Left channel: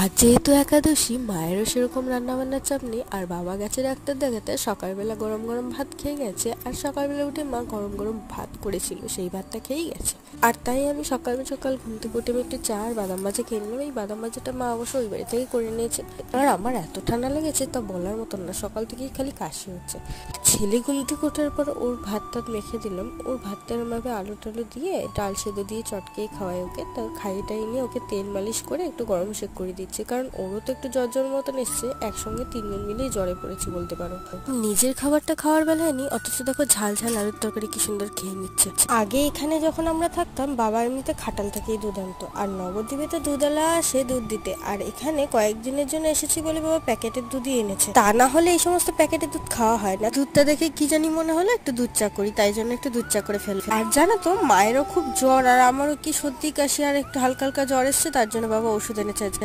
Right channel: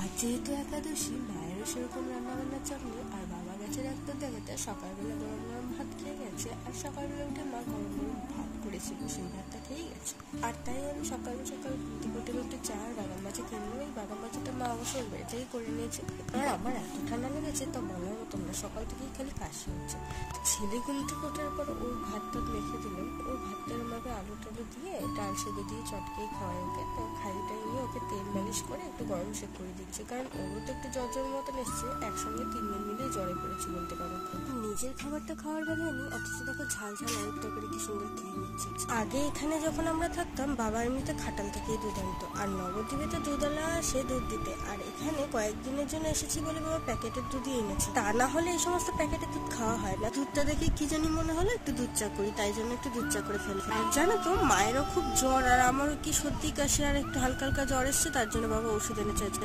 আজ যেহেতু একাদশী, মায়েরও সেরকম রান্নাবান্নার চাপ নেই। আর বাবা গেছে ডাক্তার দেখাতে, সকালবেলা গরম গরম ভাত খেয়ে গেছে। আর সকালবেলা উঠে মা গরম গরম ভাত করেছিল, সেই ভাতটা খেয়েই গেছে। আর তাই আমি সকাল সকাল ঘুম থেকে উঠে একটু চা আর বাদাম ভাজা খেয়ে নিলাম। এই বাদাম ভাজাটা মা অবশ্য ওই বাড়ি থেকেই করে নিয়েছে। আর আমার এত ঠান্ডা লেগেছে তা বলার মতন না, সকাল থেকেই খালি কাশি হচ্ছে। ছেলে ঘুম থেকে ওঠার পর ওর ভাত টাত মেখে দিলাম। ওর ভাতটা আমাকে আলু টালু দিয়ে ডাল সেদ্ধ দিয়ে চটকেই খাওয়াই ওকে। তার খাইটাই নিয়ে ওকে তেল মালিশ করে একটু গরম সেক করে দিচ্ছে, কারণ ওরও তো একটু জ্বর জ্বর মতন এসছে। একসঙ্গে তিনজন মিলেই জ্বরে পড়েছি বলতে পারো। নিজের খাবারটা খাওয়ার বেলায় নি, অথচ দেখো ঝাল ঝাল আলুর তরকারি কি সুন্দর খেয়ে নিচ্ছে। আগে এখানে যখন আমরা থাকতাম, বাবা এমনিতে খাটাল থেকেই দুধ আনতো, আর নবদ্বীপে তো দুধওয়ালা সে দুধ দিতে। আর এখানে কয়েকদিনের জন্য এসেছি বলে বাবা প্যাকেটের দুধই এনেছে, তা না হলে এই সমস্ত প্যাকেটের দুধ খাওয়া হয় না। দুধটা দেখে কি জানি মনে হলো একটু দুধ চা করি, তাই জন্য একটু দুধ চা করে ফেলে। আর জানো তো, মায়েরও খুব জ্বর আর আমারও কি সর্দি কাশি আর একটু হালকা হালকা জ্বর এসছে, তার জন্য বাবা ওষুধ এনেছে।